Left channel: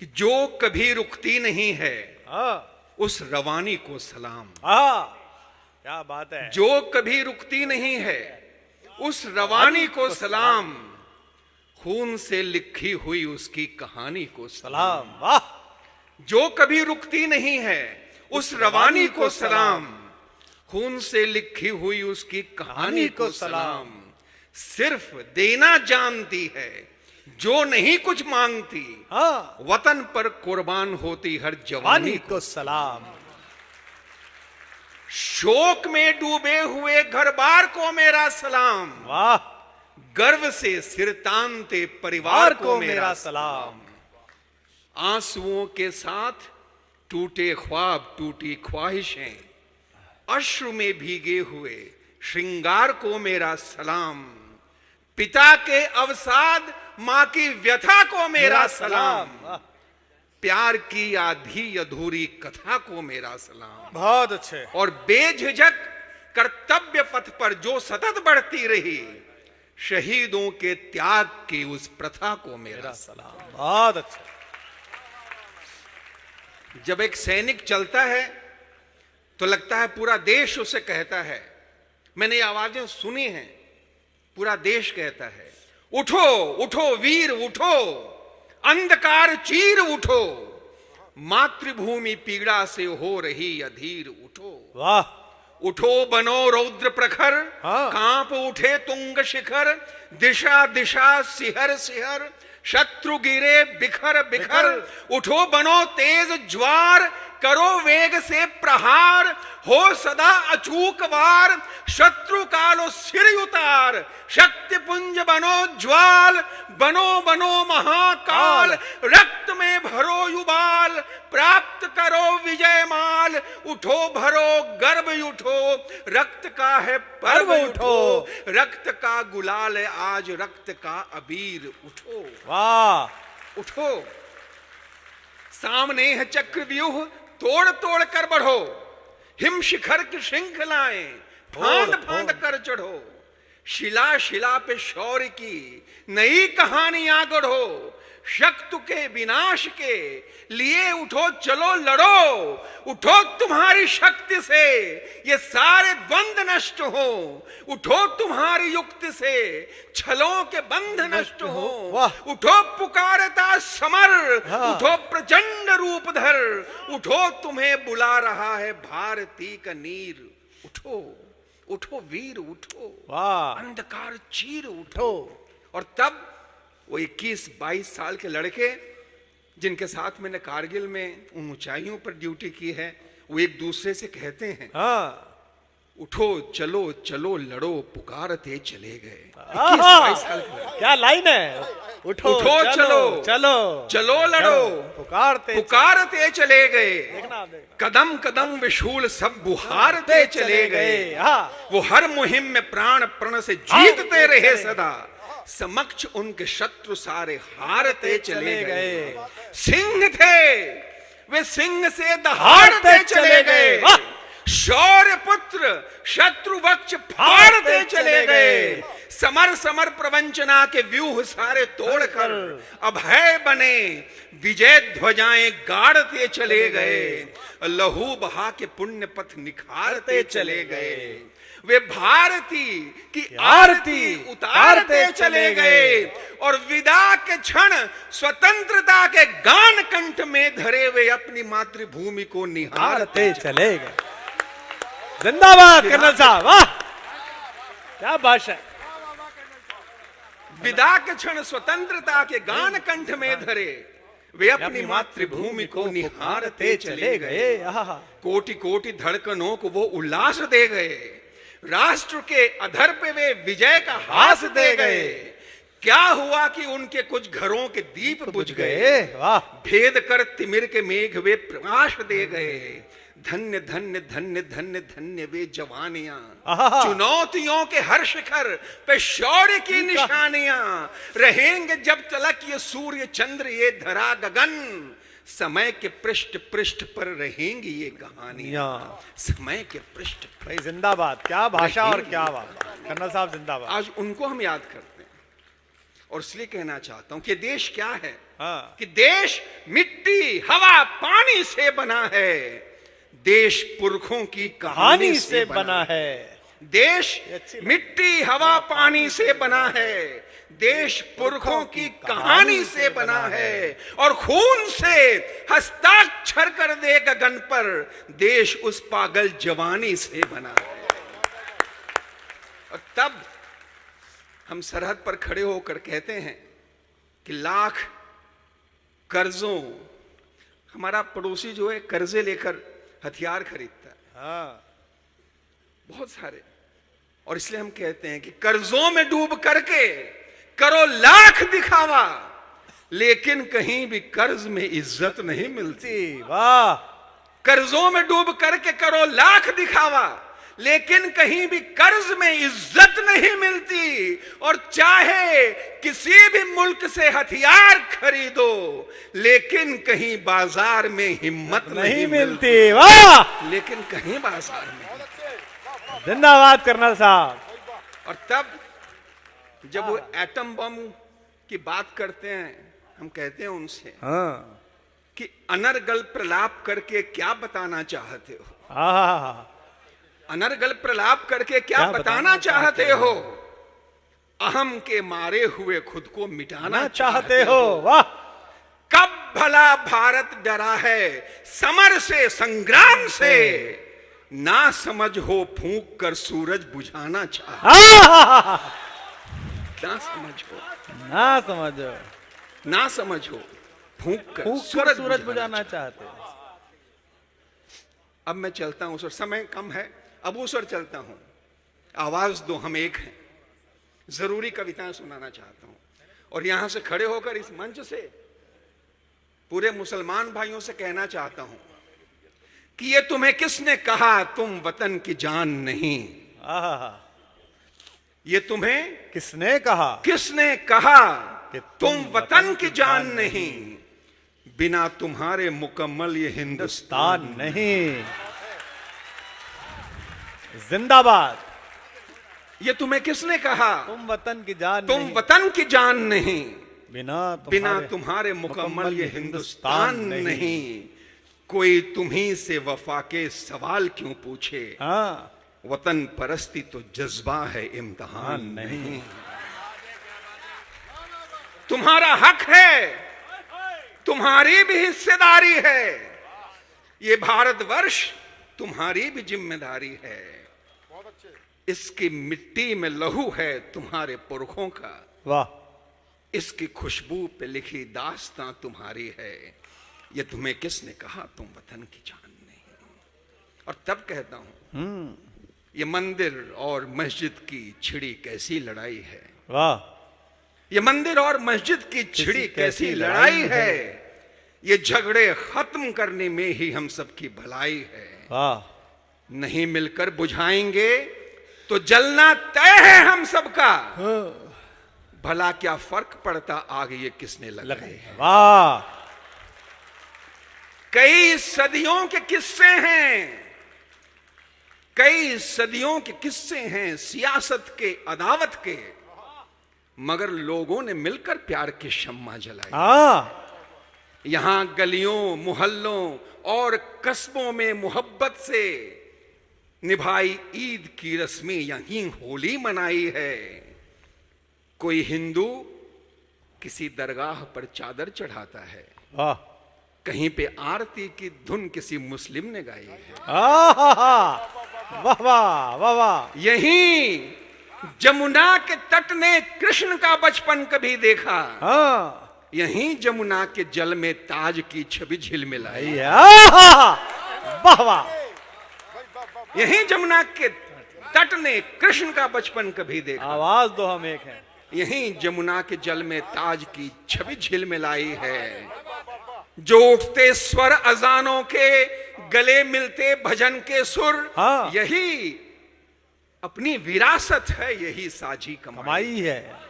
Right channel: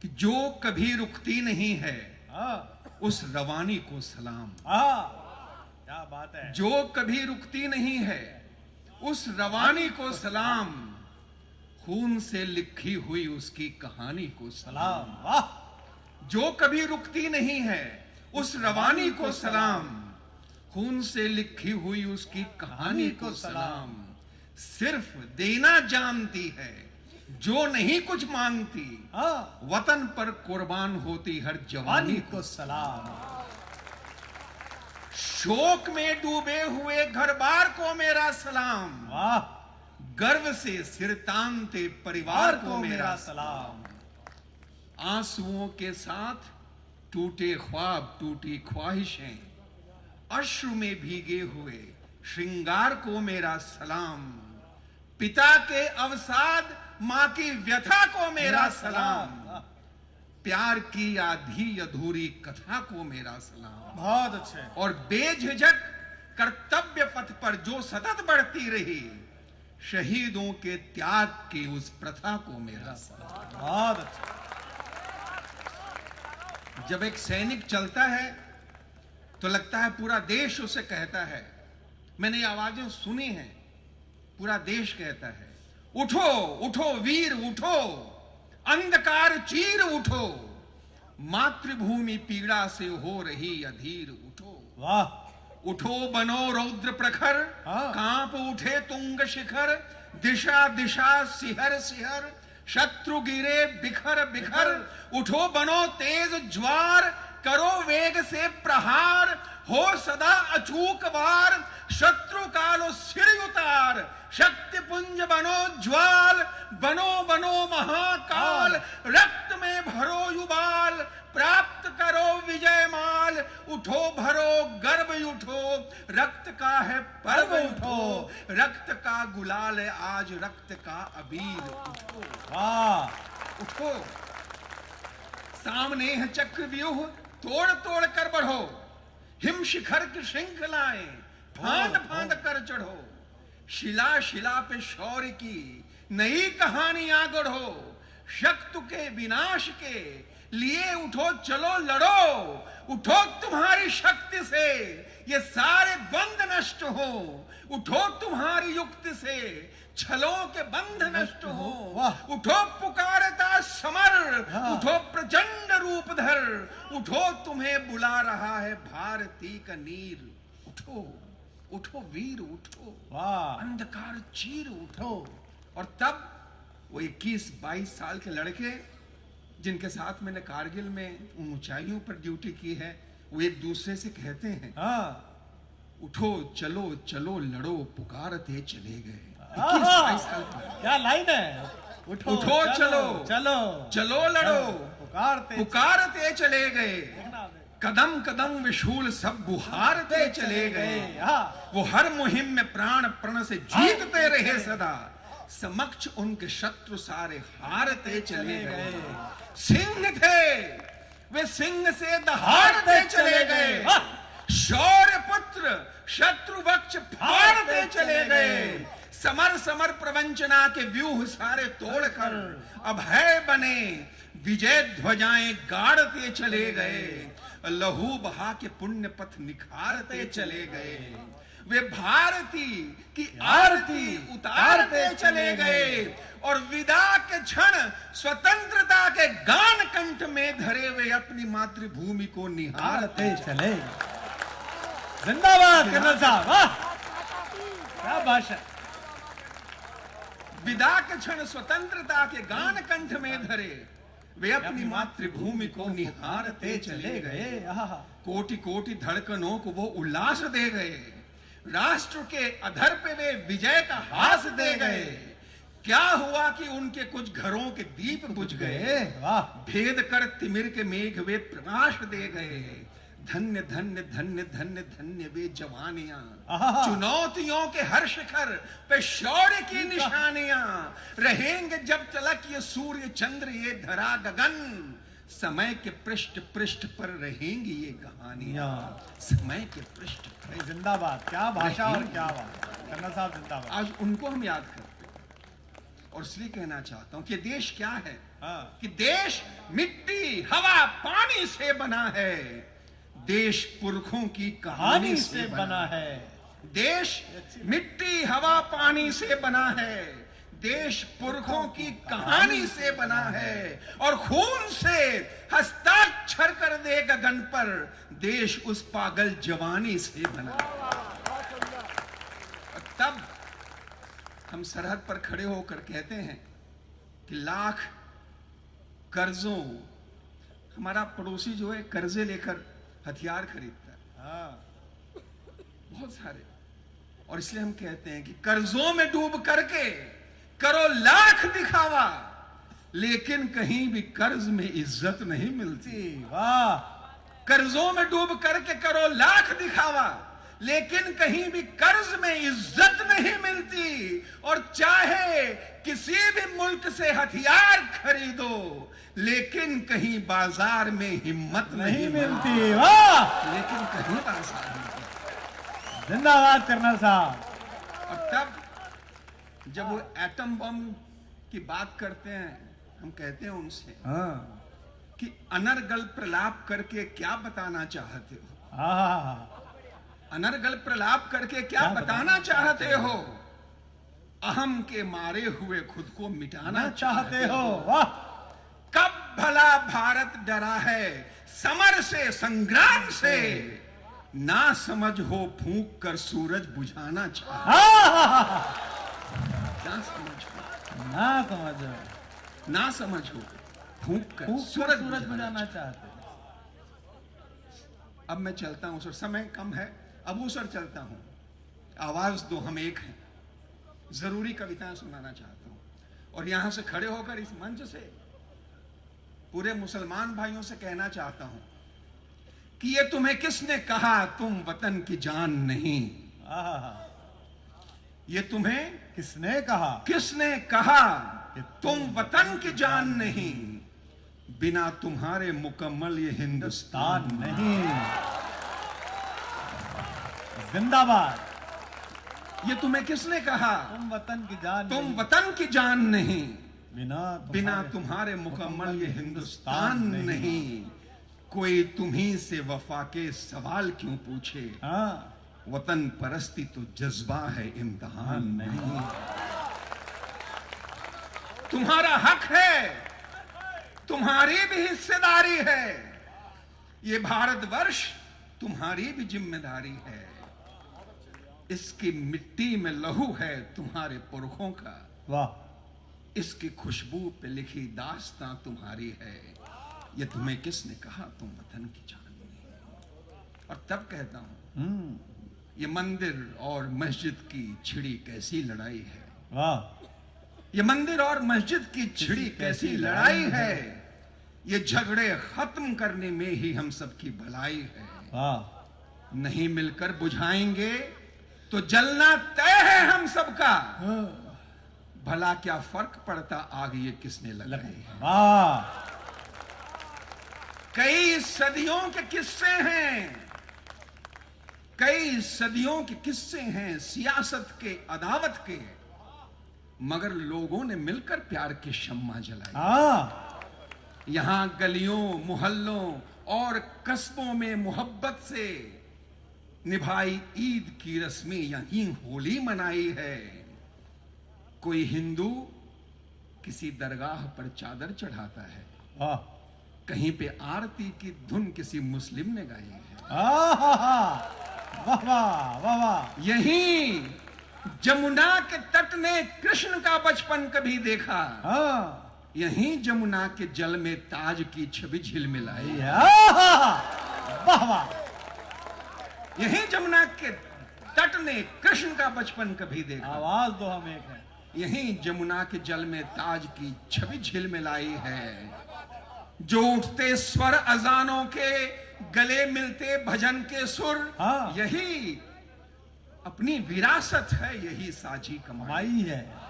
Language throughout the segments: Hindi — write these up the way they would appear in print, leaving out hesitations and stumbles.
कि जो कभी रुकती नहीं है उस रवानी को सलाम। क्या बात है। जो कभी रुकती नहीं है उस रवानी को सलाम, खून से लिखी हुई उसकी कहानी को सलाम। वाह। जो कभी रुकती नहीं है उस रवानी को सलाम, खून से लिखी हुई उसकी कहानी को सलाम। सिर्फ देना जानती है जो नहीं कुछ मांगती, वतन पर कुर्बान होती हर जवानी को सलाम। शोक में डूबे हुए घर बार को मेरा सलाम। वाह। गर्व से सिर तानते परिवार को मेरा सलाम। आंसुओं के साथ टूटे ख्वाब, टूटी ख्वाहिशें, अश्रु में भीगे हुए श्रृंगार को मेरा सलाम। पिता के अवसाद, मां की व्यथा को मेरा सलाम। प्यार की आधी अधूरी कथा को मेरा सलाम। बहुत अच्छे। और बेझिझक कर्तव्य पथ पर जो सतत बढ़ती रही, शहीदों के त्याग की उस प्रथा को मेरा सलाम। बहुत अच्छा। जब एक सैनिक चलता है तो लगता है पूरा देश उसे कहता है। मैंने ये आवाजें सुनी हैं, पूरा देश कहता है, उठो उठो वीर उठो, अंधकार चीर उठो, मातृभूमि पीड़ा से हो रही अधीर उठो। वाह। उठो बनो रौद्र प्रखर, कांप उठे तुंग शिखर, दिशा दिशा सिहर सिहर, शत्रु गिरे बिखर बिखर। उठो बनो तेज ज्वार, करो वेग से प्रहार, हो सदा अचूक वार, शत्रु कालो सिर उतार। शक्ति पुंज बनो ज्वाल, बनो बनो महाकाल, रक्त में भरो युबाल, प्राप्त करो विजय माल। उठो भरो गर्व उठो, रक्त का है पर्व उठो, रक्त का गुलाल है आज रक्त का अबीर उठो। वाह। उठो, सामने है चक्रव्यूह, तोड़ तोड़ कर बढ़ो, हिम शिखर की श्रृंखलाएं फांद फांद कर चढ़ो। शिला शिला पे शौर्य की नई कहानियां गढ़ो, शत्रु के विनाश के लिए उठो चलो लड़ो। उठो तुम्हारी शक्ति से ये सारे द्वंद्व नष्ट हो, उठो तुम्हारी युक्ति से छलों के बंध नष्ट हो। उठो पुकारता समर, उठो प्रचंड रूप धर, उठो तुम्हें बुला रहा है भारती का नीर। उठो उठो वीर उठो, अंधकार चीर उठो। और तब वो 21-22 साल के लड़के जिनके साथ मैंने कारगिल में उन ऊंचाइयों पर ड्यूटी की है, वो एक दूसरे से कहते हैं, उठो चलो चलो लड़ो, पुकारते चले गए। 21-22 साल क्या लाइन है। उठो चलो चलो चलो लड़ो, पुकारते चले गए। कदम कदम विशूल सब बुहारते चले गए। वो हर मुहिम में प्राण प्रण से जीतते रहे सदा, समक्ष उनके शत्रु सारे हारते चले गए। सिंह थे वे सिंह से दहाड़ते चले गए, शौर्य पुत्र शत्रु वक्ष फाड़ते चले गए। समर समर प्रवंचना के व्यूह सारे तोड़कर अभय बने, विजय ध्वजाएं गाड़ते चले गए। लहू बहा के पुण्य पथ निखारते चले गए। वे भारती की आरती उतारते चले गए, और विदा के क्षण स्वतंत्रता के गान कंठ में धरे वे अपनी मातृभूमि को निहारते चले गए। जिंदाबाद कर्नल साहब। वाह क्या भाषा। विदा के क्षण स्वतंत्रता के गान कंठ में धरे वे अपनी मातृभूमि को निहारते चले गए। कोटि कोटि धड़कनों को वो उल्लास दे गए, राष्ट्र के अधर पे वे विजय का हास दे गए। क्या हुआ कि उनके कुछ घरों के दीप बुझ गए, भेद कर तिमिर के मेघ वे प्रकाश दे गए। धन्य धन्य धन्य धन्य धन्य वे जवानियां, चुनौतियों के हर शिखर पे शौर्य की निशानियां। रहेंगे जब तलक ये सूर्य चंद्र ये धरा गगन, समय के पृष्ठ पृष्ठ पर रहेंगी ये कहानियां। समय के पृष्ठ भाई जिंदाबाद। क्या भाषा और क्या बात। कर्नल साहब जिंदाबाद। आज उनको हम याद करते हैं और इसलिए कहना चाहता हूं कि देश क्या है, हाँ। कि देश मिट्टी हवा पानी से बना है, देश पुरखों की कहानी से बना है। देश मिट्टी हवा पानी से बना है, देश पुरखों की कहानी से बना है, और खून से हस्ताक्षर कर दे गगन पर, देश उस पागल जवानी से बना है। और तब हम सरहद पर खड़े होकर कहते हैं कि लाख कर्जों, हमारा पड़ोसी जो है कर्जे लेकर हथियार खरीदता है, हाँ। बहुत सारे, और इसलिए हम कहते हैं कि कर्जों में डूब करके करो लाख दिखावा, लेकिन कहीं भी कर्ज में इज्जत नहीं मिलती। वाह। कर्जों में डूब करके करो लाख दिखावा, लेकिन कहीं भी कर्ज में इज्जत नहीं मिलती। और चाहे किसी भी मुल्क से हथियार खरीदो, लेकिन कहीं बाजार में हिम्मत नहीं मिलती। वाह। लेकिन कहीं बाजार में। जिंदाबाद कर्नल साहब। और तब जब वो एटम बम की बात करते हैं, हम कहते हैं उनसे, हाँ। कि अनर्गल प्रलाप करके क्या बताना चाहते हो? हाँ। अनर्गल प्रलाप करके क्या बताना चाहते हो? अहम के मारे हुए खुद को मिटाना चाहते हो। वाह। कब भला भारत डरा है समर से, संग्राम से, ना समझ हो फूंक कर सूरज बुझाना चाहते। ना समझ हो, ना समझ हो फूंक कर सूरज बुझाना चाहते। अब मैं चलता हूं सर, समय कम है, अब उस ओर चलता हूं। आवाज दो हम एक हैं, जरूरी कविताएं सुनाना चाहता हूं। और यहां से खड़े होकर इस मंच से पूरे मुसलमान भाइयों से कहना चाहता हूं कि ये तुम्हें किसने कहा तुम वतन की जान नहीं? ये तुम्हें किसने कहा? किसने कहा तुम वतन की जान नहीं? बिना तुम्हारे मुकम्मल ये हिंदुस्तान नहीं। जिंदाबाद। ये तुम्हें किसने कहा तुम वतन की जान तुम नहीं। वतन की जान नहीं? बिना तुम्हारे मुकम्मल ये हिंदुस्तान नहीं। कोई तुम्ही से वफा के सवाल क्यों पूछे? हाँ। वतन परस्ती तो जज्बा है, इम्तिहान नहीं। तुम्हारा हक है, तुम्हारी भी हिस्सेदारी है, ये भारतवर्ष तुम्हारी भी जिम्मेदारी है। इसकी मिट्टी में लहू है तुम्हारे पुरखों का। वाह। इसकी खुशबू पे लिखी दास्तां तुम्हारी है। ये तुम्हें किसने कहा तुम वतन की जान नहीं? और तब कहता हूं, ये मंदिर और मस्जिद की छिड़ी कैसी लड़ाई है। वाह। ये मंदिर और मस्जिद की छिड़ी कैसी लड़ाई है। ये झगड़े खत्म करने में ही हम सबकी भलाई है। वाह। नहीं मिलकर बुझाएंगे तो जलना तय है हम सबका। भला क्या फर्क पड़ता आग ये किसने लगाए। वाह। कई सदियों के किस्से हैं, कई सदियों के किस्से हैं सियासत के, अदावत के, मगर लोगों ने मिलकर प्यार के शम्मा जलाए। यहां गलियों, मोहल्लों और कस्बों में मोहब्बत से निभाई ईद की रस्में, यहीं होली मनाई है। कोई हिंदू किसी दरगाह पर चादर चढ़ाता है, कहीं पे आरती की धुन किसी मुस्लिम ने गाई है। वाह वाह वाह वाह। यहीं जमुना के तट ने कृष्ण का बचपन कभी देखा। यहीं जमुना के जल में ताज की छवि झिलमिलाई। वाह वाह। यहीं जमुना के तट ने कृष्ण का बचपन कभी देखा। आवाज दो हम एक हैं। यहीं जमुना के जल में ताज की छवि झिलमिलाई है। जो उठते स्वर अजानों के, गले मिलते भजन के सुर, यही अपनी विरासत है, यही साझी कमाई है।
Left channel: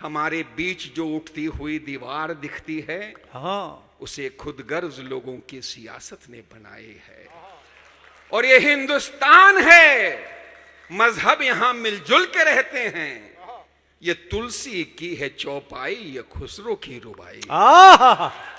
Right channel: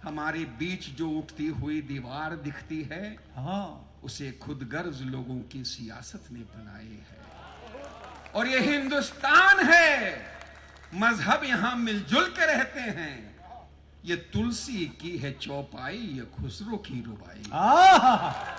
हमारे बीच जो उठती हुई दीवार दिखती है, उसे खुदगर्ज लोगों की सियासत ने बनाई है। और ये हिंदुस्तान है, मजहब यहां मिलजुल के रहते हैं। ये तुलसी की है चौपाई, ये खुसरो की रुबाई। आहा